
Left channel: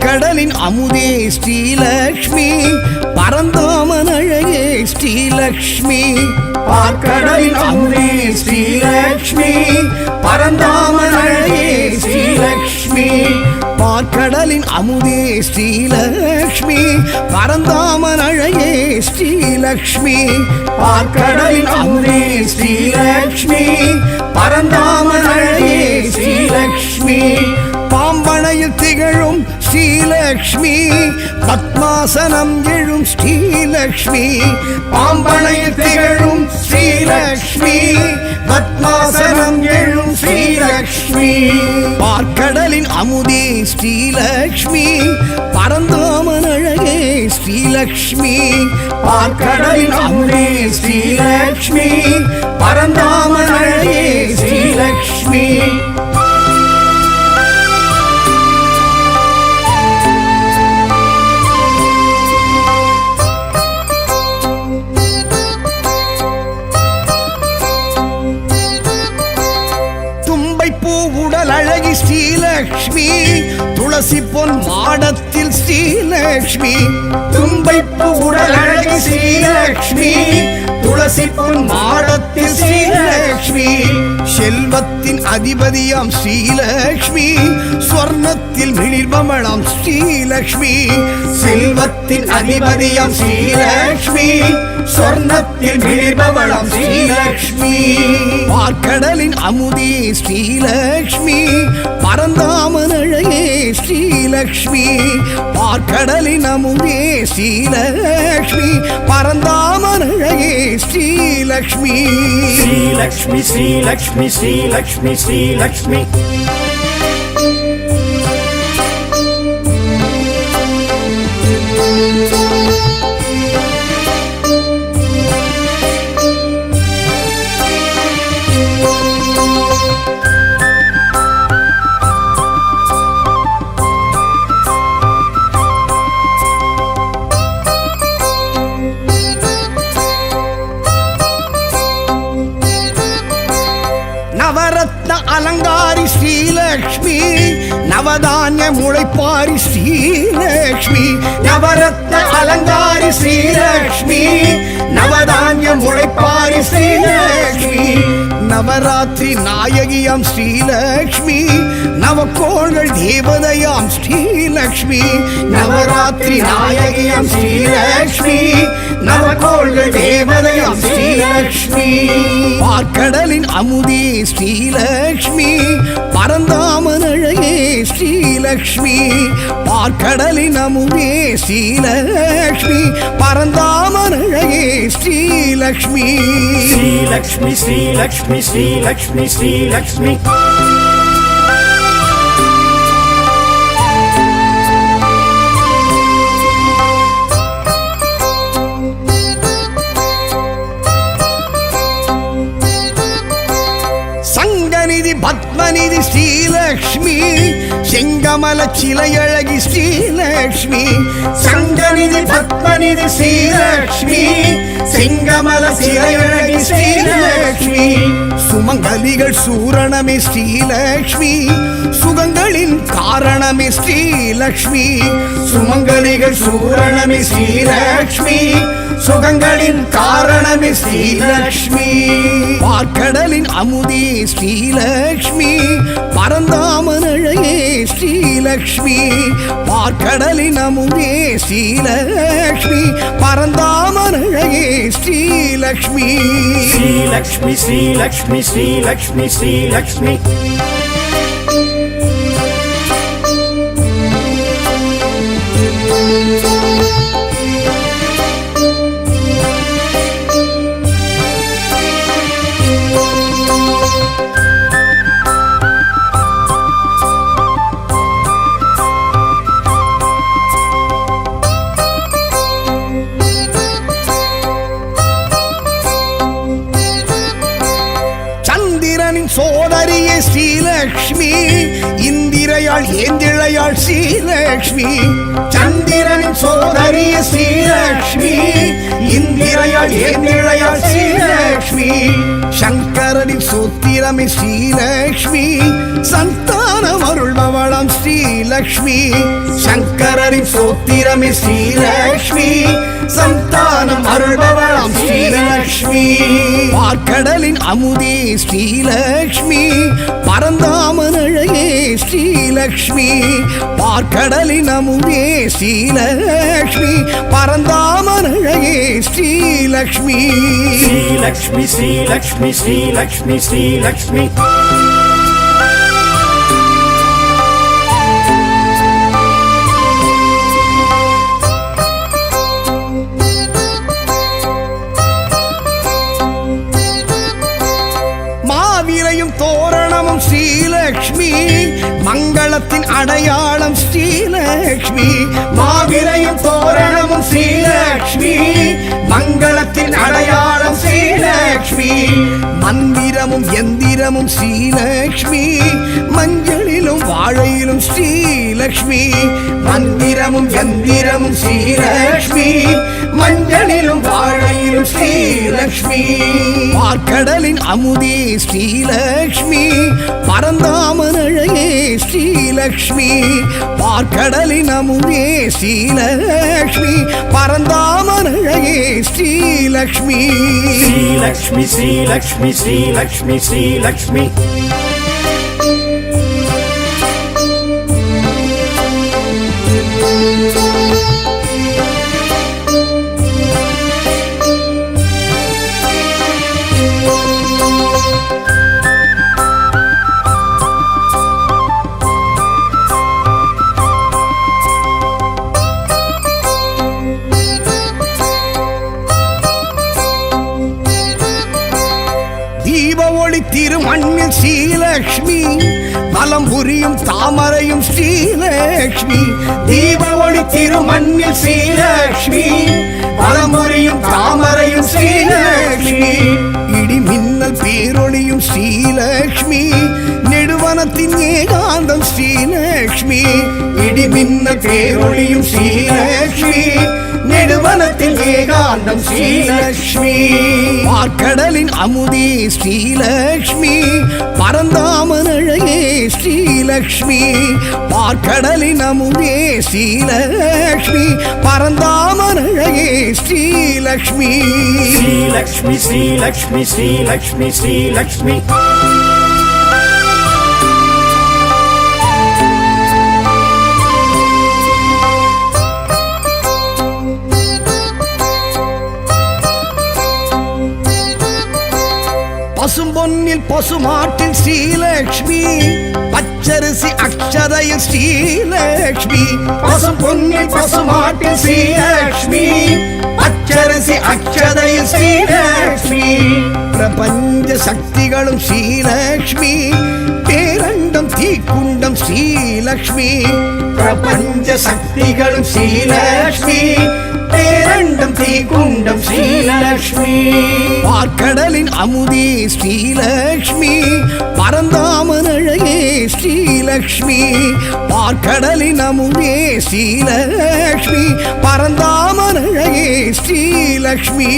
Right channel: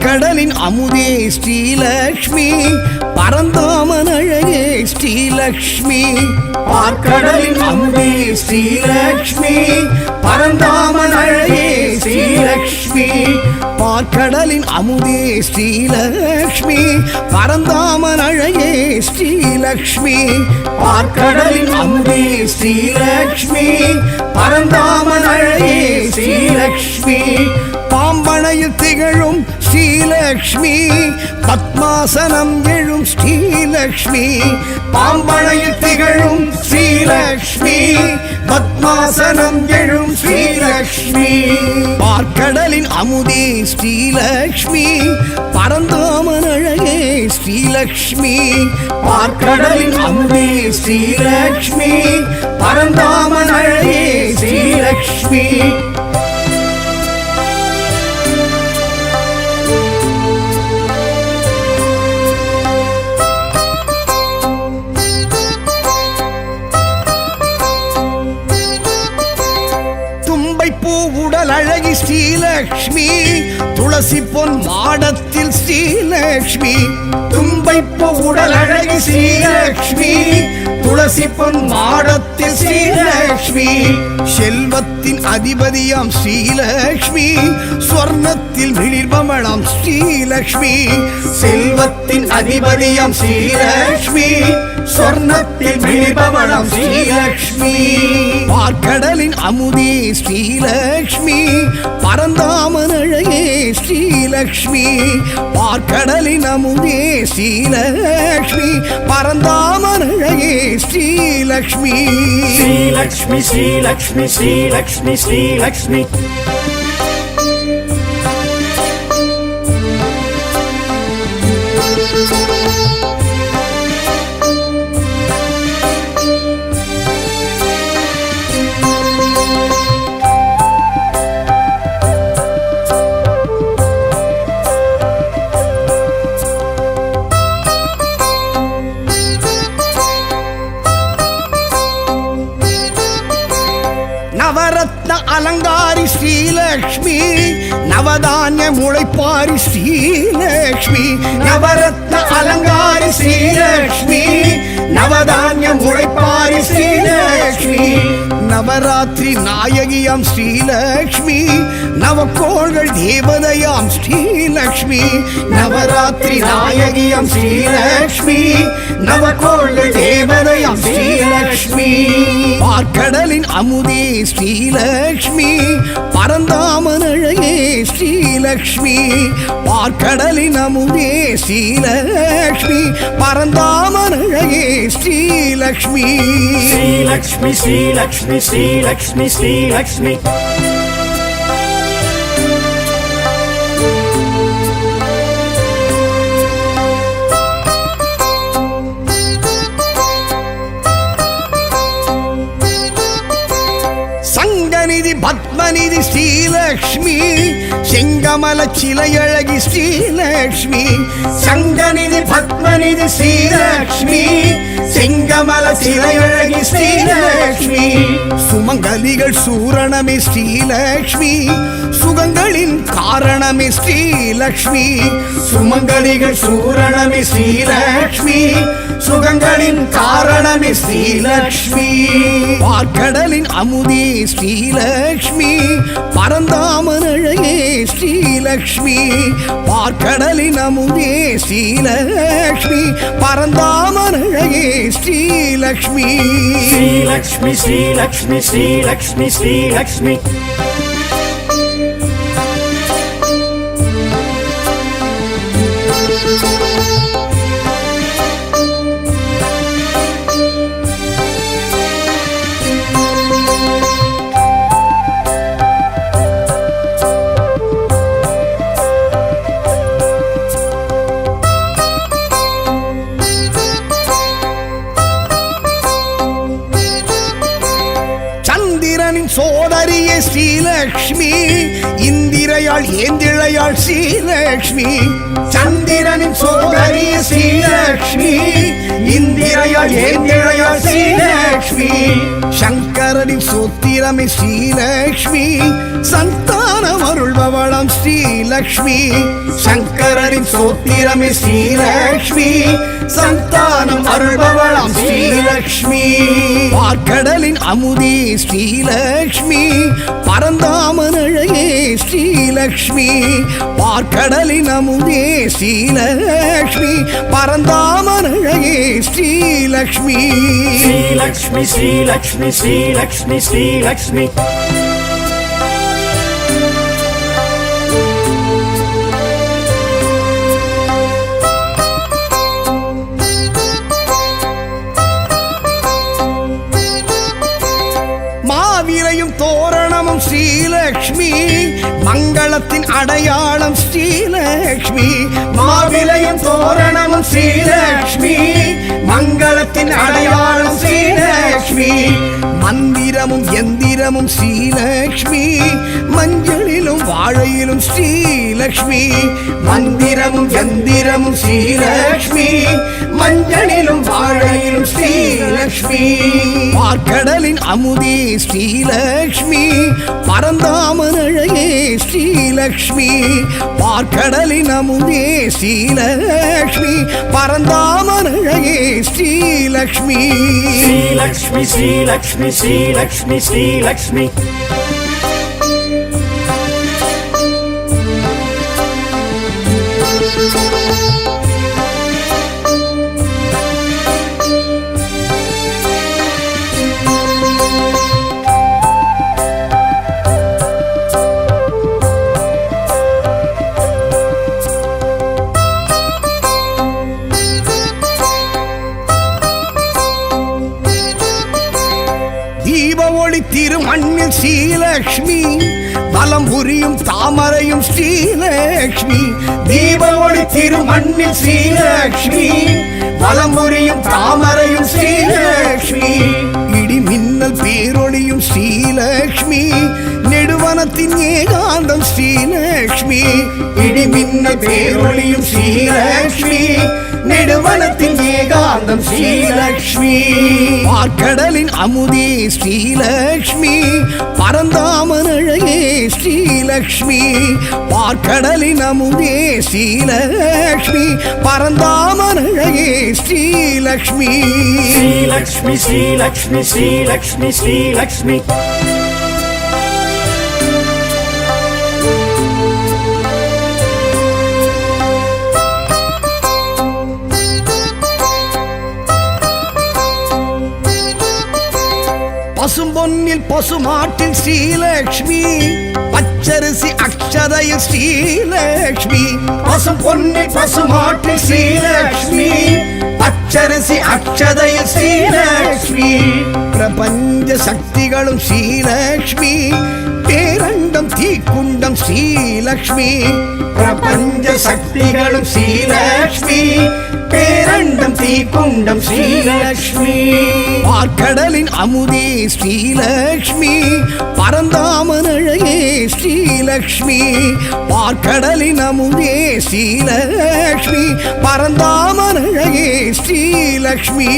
பார்க்கடலின் அமுதே ஸ்ரீலக்ஷ்மி பரந்தாமன் அழகே ஸ்ரீலக்ஷ்மி பார்க்கடலின் அமுதே ஸ்ரீலக்ஷ்மி பரந்தாமன் அழகே ஸ்ரீலக்ஷ்மி பார்க்கடலின் அமுதே ஸ்ரீலக்ஷ்மி பரந்தாமன் அழகே ஸ்ரீலக்ஷ்மி பார்க்கடலின் அமுதே ஸ்ரீலக்ஷ்மி பரந்தாமன் அழகே ஸ்ரீலக்ஷ்மி பாம்பனையில் திகழும் ஸ்ரீலக்ஷ்மி பத்மாசனம் எழும் ஸ்ரீலக்ஷ்மி பாம்பனையில் திகழும் ஸ்ரீலக்ஷ்மி பத்மாசனம் எழும் ஸ்ரீலக்ஷ்மி பார்க்கடலின் அமுதே ஸ்ரீலக்ஷ்மி பரந்தாமன் அழகே ஸ்ரீலக்ஷ்மி பார்க்கடலின் அமுதே ஸ்ரீலக்ஷ்மி பரந்தாமன் அழகே ஸ்ரீலக்ஷ்மி உடல் அழகி ஸ்ரீலக்ஷ்மி துளசி பொன் மாடத்தில் ஸ்ரீலக்ஷ்மி தும்பைப்பு உடல் அழகி ஸ்ரீலக்ஷ்மி துளசி பொன் மாடத்தில் ஸ்ரீலக்ஷ்மி செல்வத்தின் அதிபதியாம் ஸ்ரீலக்ஷ்மி ஸ்வர்ணத்தில் மிளிர்பமணம் ஸ்ரீலக்ஷ்மி செல்வத்தின் அதிபதியாம் ஸ்ரீலக்ஷ்மி ஸ்வர்ணத்தில் மிளிர்பவளம் ஸ்ரீலக்ஷ்மி பார்க்கடலின் அமுதே ஸ்ரீலக்ஷ்மி பரந்தாமன் அழகே ஸ்ரீலக்ஷ்மி பார்க்கடலின் அமுதே ஸ்ரீலக்ஷ்மி பரந்தாமன் அழகே ஸ்ரீலக்ஷ்மி ஸ்ரீலக்ஷ்மி ஸ்ரீலக்ஷ்மி ஸ்ரீலக்ஷ்மி ஸ்ரீலக்ஷ்மி நவரத்ன அலங்காரி ஸ்ரீலக்ஷ்மி நவதானிய முளைப்பாரி ஸ்ரீலக்ஷ்மி நவரத்ன அலங்காரி ஸ்ரீலக்ஷ்மி நவதானிய முளைப்பாரி ஸ்ரீலக்ஷ்மி நவராத்திரி நாயகியாம் ஸ்ரீலக்ஷ்மி நவக்கோள்கள் தேவதையாம் ஸ்ரீலக்ஷ்மி நவராத்திரி நாயகியாம் ஸ்ரீலக்ஷ்மி நவக்கோள்கள் தேவதையாம் ஸ்ரீலக்ஷ்மி பார்க்கடலின் அமுதே ஸ்ரீலக்ஷ்மி பரந்தாமன் அழகே ஸ்ரீலக்ஷ்மி பார்க்கடலின் அமுதே ஸ்ரீலக்ஷ்மி பரந்தாமன் அழகே ஸ்ரீலக்ஷ்மி ஸ்ரீலக்ஷ்மி ஸ்ரீலக்ஷ்மி ஸ்ரீலக்ஷ்மி ஸ்ரீலக்ஷ்மி சங்கநிதி பத்மநிதி ஸ்ரீலக்ஷ்மி செங்கமல சிலையழகி ஸ்ரீலக்ஷ்மி சங்கநிதி பத்மநிதி ஸ்ரீலக்ஷ்மி செங்கமல சிலையழகி ஸ்ரீலக்ஷ்மி சுமங்கலிகள் சூரணமே ஸ்ரீலக்ஷ்மி சுகங்களின் காரணமே ஸ்ரீலக்ஷ்மி சுமங்கலிகள் சூரணமே ஸ்ரீலக்ஷ்மி சுகங்களின் காரணமே ஸ்ரீலக்ஷ்மி பார்க்கடலின் அமுதே ஸ்ரீலக்ஷ்மி பரந்தாமன் அழகே ஸ்ரீலக்ஷ்மி பார்க்கடலின் அமுதே ஸ்ரீலக்ஷ்மி பரந்தாமன் அழகே ஸ்ரீலக்ஷ்மி ஸ்ரீலக்ஷ்மி ஸ்ரீலக்ஷ்மி ஸ்ரீலக்ஷ்மி ஸ்ரீலக்ஷ்மி சந்திரனின் சோதரியே ஸ்ரீலக்ஷ்மி இந்திரையாள் ஏந்திழையாள் ஸ்ரீலக்ஷ்மி சந்திரனின் சோதரியே ஸ்ரீலக்ஷ்மி இந்திரையாள் ஏந்திழையாள் ஸ்ரீலக்ஷ்மி சங்கரனின் சோத்திரமே ஸ்ரீலக்ஷ்மி சந்தானம் அருள்பவளாம் ஸ்ரீலக்ஷ்மி சங்கரனின் சோத்திரமே ஸ்ரீலக்ஷ்மி சந்தானம் அருள்பவளாம் ஸ்ரீலக்ஷ்மி பார்க்கடலின் அமுதே ஸ்ரீலக்ஷ்மி பரந்தாமன் அழகே ஸ்ரீலக்ஷ்மி பார்க்கடலின் அமுதே ஸ்ரீலக்ஷ்மி பரந்தாமன் அழகே ஸ்ரீலக்ஷ்மி ஸ்ரீலக்ஷ்மி ஸ்ரீலக்ஷ்மி ஸ்ரீலக்ஷ்மி ஸ்ரீலக்ஷ்மி மாவிலையும் தோரணமும் ஸ்ரீலக்ஷ்மி மங்களத்தின் அடையாளம் ஸ்ரீலக்ஷ்மி மாவிலையும் தோரணமும் ஸ்ரீலக்ஷ்மி மங்களத்தின் அடையாளம் ஸ்ரீலக்ஷ்மி மந்திரமும் எந்திரமும் ஸ்ரீலக்ஷ்மி மஞ்சளிலும் வாழையிலும் ஸ்ரீலக்ஷ்மி மந்திரமும் எந்திரமும் ஸ்ரீலக்ஷ்மி மஞ்சளிலும் வாழையிலும் ஸ்ரீலக்ஷ்மி பார்க்கடலின் அமுதே ஸ்ரீலக்ஷ்மி பரந்தாமன் அழகே ஸ்ரீலக்ஷ்மி பார்க்கடலின் அமுதே ஸ்ரீலக்ஷ்மி பரந்தாமன் அழகே ஸ்ரீலக்ஷ்மி ஸ்ரீலக்ஷ்மி ஸ்ரீலக்ஷ்மி ஸ்ரீலக்ஷ்மி ஸ்ரீலக்ஷ்மி தீப ஒளி திருமண்ணில் ஸ்ரீலக்ஷ்மி வலம் புரியும் தாமரையும் ஸ்ரீலக்ஷ்மி தீப ஒளி திருமண்ணில் ஸ்ரீலக்ஷ்மி வலம் புரியும் தாமரையும் ஸ்ரீலக்ஷ்மி இடி மின்னல் பேரொளியும் ஸ்ரீலக்ஷ்மி நெடுவனத்தின் ஏகாந்தம் ஸ்ரீலக்ஷ்மி இடி மின்னல் பேரொளியும் ஸ்ரீலக்ஷ்மி நெடுவனத்தின் ஏகாந்தம் ஸ்ரீலக்ஷ்மி பார்க்கடலின் அமுதே ஸ்ரீலக்ஷ்மி பரந்தாமன் அழகே ஸ்ரீலக்ஷ்மி பார்க்கடலின் அமுதே ஸ்ரீலக்ஷ்மி பரந்தாமன் அழகே ஸ்ரீலக்ஷ்மி ஸ்ரீலக்ஷ்மி ஸ்ரீலக்ஷ்மி ஸ்ரீலக்ஷ்மி ஸ்ரீலக்ஷ்மி பசும்பொன்னில் பசுமாட்டில் ஸ்ரீலக்ஷ்மி பச்சரிசி அக்ஷதையில் ஸ்ரீலக்ஷ்மி பசும்பொன்னில் பசுமாட்டில் ஸ்ரீலக்ஷ்மி பச்சரிசி அக்ஷதையில் ஸ்ரீலக்ஷ்மி பிரபஞ்ச சக்திகளும் ஸ்ரீலக்ஷ்மி பேரண்டம் தீக்குண்டம் ஸ்ரீலக்ஷ்மி பிரபஞ்ச சக்திகளும் ஸ்ரீலக்ஷ்மி பேரண்டம் தீக்குண்டம் ஸ்ரீலக்ஷ்மி பார்க்கடலின் அமுதே ஸ்ரீலக்ஷ்மி பரந்தாமன் அழகே ஸ்ரீலக்ஷ்மி பார்க்கடலின் அமுதே ஸ்ரீலக்ஷ்மி பரந்தாமன் அழகே ஸ்ரீலக்ஷ்மி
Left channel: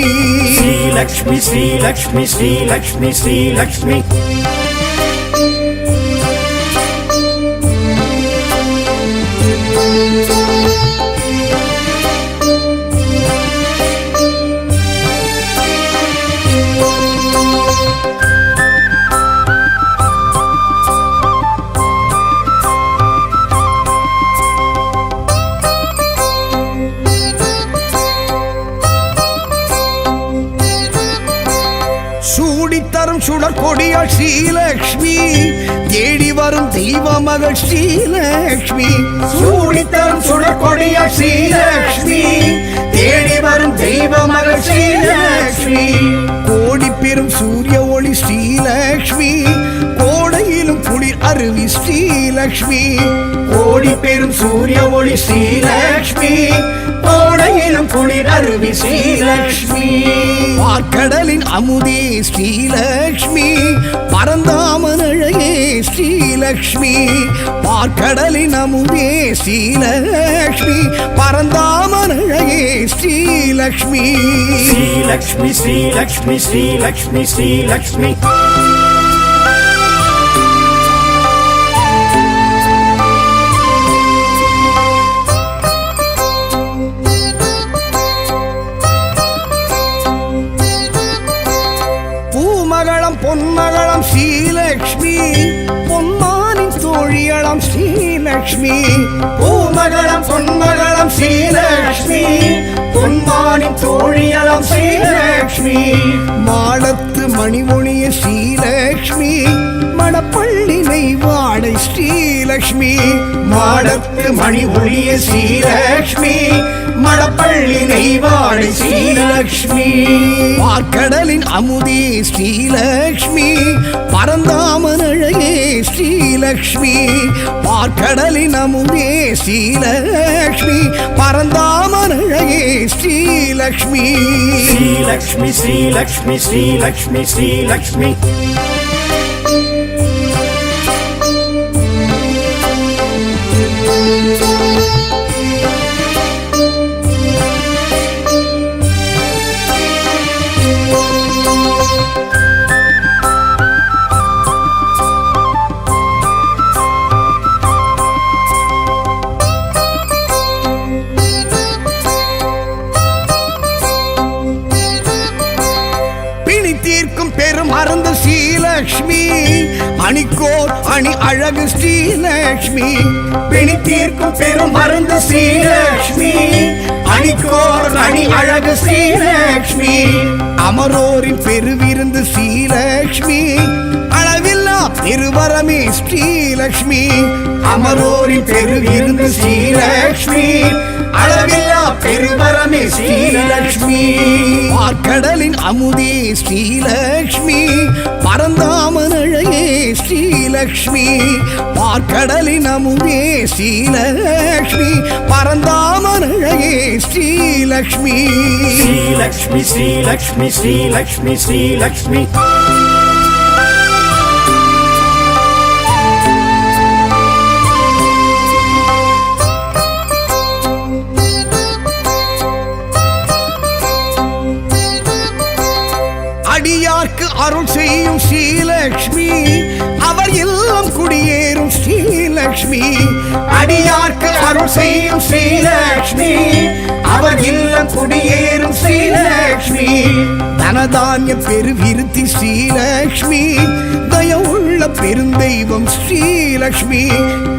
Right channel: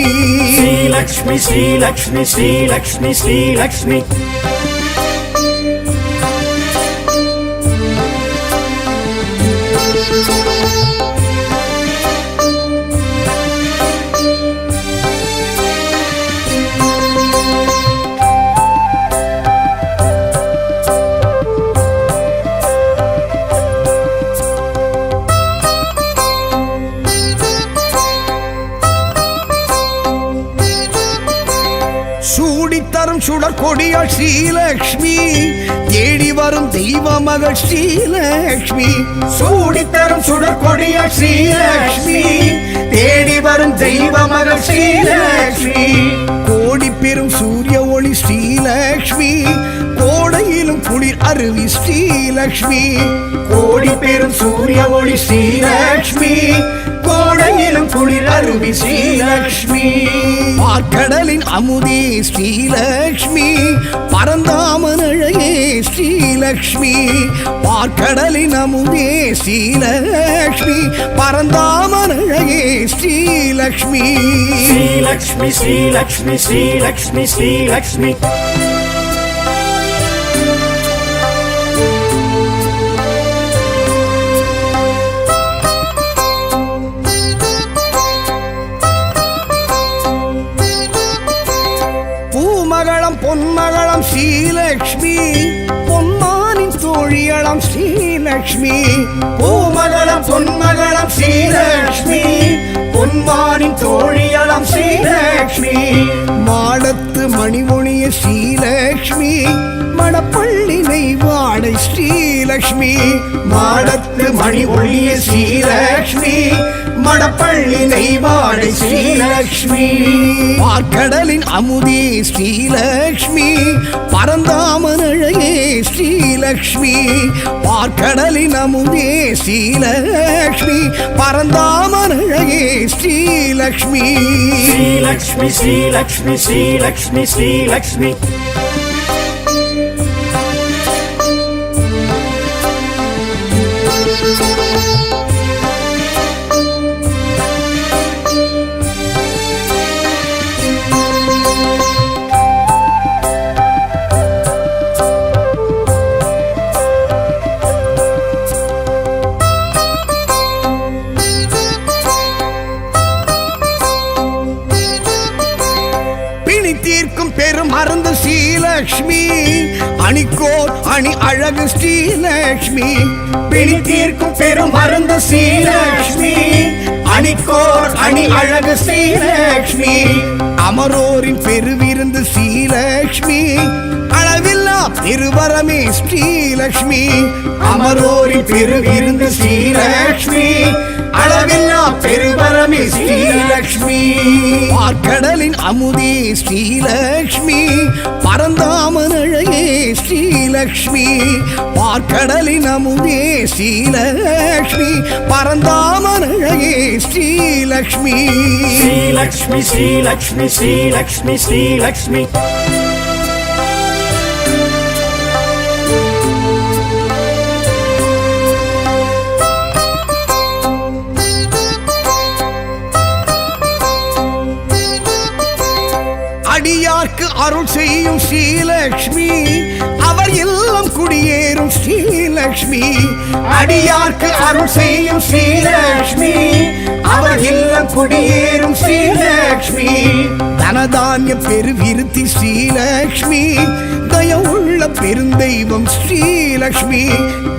ஸ்ரீலக்ஷ்மி ஸ்ரீலக்ஷ்மி ஸ்ரீலக்ஷ்மி ஸ்ரீலக்ஷ்மி சூடித்தரும் சுடர் கொடியாள் ஸ்ரீலக்ஷ்மி தேடி வரும் தெய்வ மகள் ஸ்ரீலக்ஷ்மி சூடித்தரும் சுடர் கொடியாள் ஸ்ரீலக்ஷ்மி தேடி வரும் தெய்வ மகள் ஸ்ரீலக்ஷ்மி கோடி பெரும் சூரிய ஒளி ஸ்ரீலக்ஷ்மி கோடையிலும் குளிர் அருவி ஸ்ரீலக்ஷ்மி கோடி பெரும் சூரிய ஒளி ஸ்ரீலக்ஷ்மி கோடை மழையிலும் குளிர் அருவி ஸ்ரீலக்ஷ்மி பார்க்கடலின் அமுதே ஸ்ரீலக்ஷ்மி பரந்தாமன் அழகே ஸ்ரீலக்ஷ்மி பார்க்கடலின் அமுதே ஸ்ரீலக்ஷ்மி பரந்தாமன் அழகே ஸ்ரீலக்ஷ்மி ஸ்ரீலக்ஷ்மி ஸ்ரீலக்ஷ்மி ஸ்ரீலக்ஷ்மி ஸ்ரீலக்ஷ்மி பூமகளம் பொன்மகளம் ஸ்ரீலக்ஷ்மி பொன்மானின் தோழியளம் ஸ்ரீலக்ஷ்மி பூமகளம் பொன்மகளம் ஸ்ரீலக்ஷ்மி பொன்மானின் தோழியளம் ஸ்ரீலக்ஷ்மி மாடத்து மணிமொழிய ஸ்ரீலக்ஷ்மி மடப்பள்ளி நெய்வாடை ஸ்ரீலக்ஷ்மி மாடத்து மணி ஒளிய ஸ்ரீலக்ஷ்மி மடப்பள்ளி நெய்வாடை ஸ்ரீலக்ஷ்மி பார்க்கடலின் அமுதே ஸ்ரீலக்ஷ்மி பரந்தாமன் அழகே ஸ்ரீலக்ஷ்மி பார்க்கடலின் அமுதே ஸ்ரீலக்ஷ்மி பரந்தாமன் அழகே ஸ்ரீலக்ஷ்மி ஸ்ரீலக்ஷ்மி ஸ்ரீலக்ஷ்மி ஸ்ரீலக்ஷ்மி ஸ்ரீலக்ஷ்மி தீர்க்கும் பெரும் அருந்து ஸ்ரீலக்ஷ்மி அணிக்கோர் அணி அழகு ஸ்ரீலக்ஷ்மி பிணி தீர்க்கும் பெரும் அருந்து ஸ்ரீலக்ஷ்மி அணிக்கோர் அணி அழகு ஸ்ரீலக்ஷ்மி அமரோரின் பெருவிருந்து ஸ்ரீலக்ஷ்மி அளவில்லா பெருவரமே ஸ்ரீலக்ஷ்மி அமரோரின் பெருவிருந்து ஸ்ரீலக்ஷ்மி அளவில்லா பெருவரமே ஸ்ரீலக்ஷ்மி பார்க்கடலின் அமுதே ஸ்ரீலக்ஷ்மி பரந்தாமன் அழகே ஸ்ரீலக்ஷ்மி பார்க்கடலின் அமுதே ஸ்ரீலக்ஷ்மி பரந்தாமன் அழகே ஸ்ரீலக்ஷ்மி ஸ்ரீலக்ஷ்மி ஸ்ரீலக்ஷ்மி ஸ்ரீலக்ஷ்மி ஸ்ரீலக்ஷ்மி அடியார்க்கு அருள் செய்யும் ஸ்ரீலக்ஷ்மி அவர் இல்லம் குடியேறும் ஸ்ரீலக்ஷ்மி அடியார்க்கு அருள் செய்யும் ஸ்ரீலக்ஷ்மி அவர் இல்லம் குடியேறும் ஸ்ரீலக்ஷ்மி தனதானிய பெருவிருத்தி ஸ்ரீலக்ஷ்மி தயவுள்ள பெருந்தெய்வம் ஸ்ரீலக்ஷ்மி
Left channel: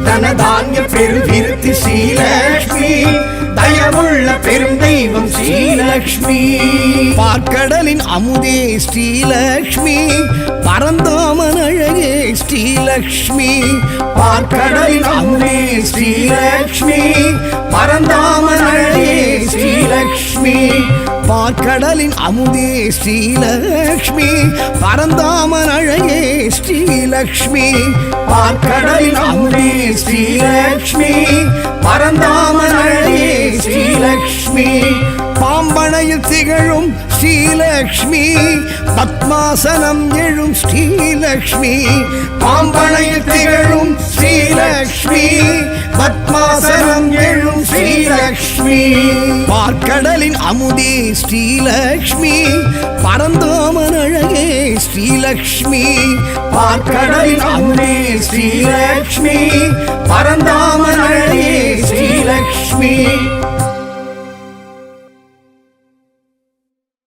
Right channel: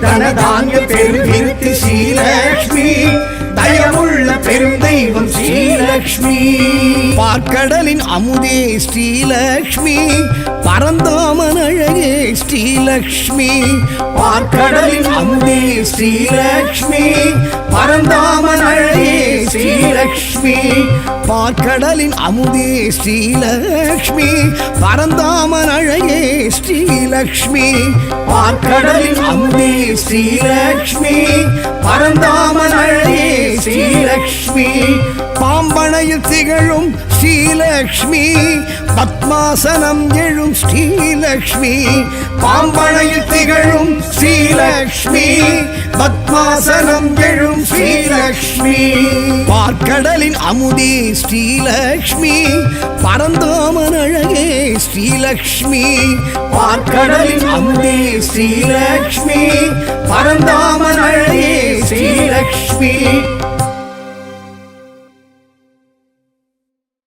தனதானிய பெருவிருத்தி ஸ்ரீலக்ஷ்மி தயவுள்ள பெருந்தெய்வம் ஸ்ரீலக்ஷ்மி பார்க்கடலின் அமுதே ஸ்ரீலக்ஷ்மி பரந்தாமன் அழகே ஸ்ரீலக்ஷ்மி பார்க்கடலின் அமுதே ஸ்ரீலக்ஷ்மி பரந்தாமன் அழகே ஸ்ரீலக்ஷ்மி பார்க்கடலின் அமுதே ஸ்ரீலக்ஷ்மி பரந்தாமன் அழகே ஸ்ரீலக்ஷ்மி பார்க்கடலின் அமுதே ஸ்ரீலக்ஷ்மி பரந்தாமன் அழகே ஸ்ரீலக்ஷ்மி பாம்பனையில் திகழும் ஸ்ரீலக்ஷ்மி பத்மாசனம் எழும் ஸ்ரீலக்ஷ்மி பாம்பனையில் திகழும் ஸ்ரீலக்ஷ்மி பத்மாசனம் எழும் ஸ்ரீலக்ஷ்மி பார்க்கடலின் அமுதே ஸ்ரீலக்ஷ்மி பரந்தாமன் அழகே ஸ்ரீலக்ஷ்மி பார்க்கடலின் அமுதே ஸ்ரீலக்ஷ்மி பரந்தாமன் அழகே ஸ்ரீலக்ஷ்மி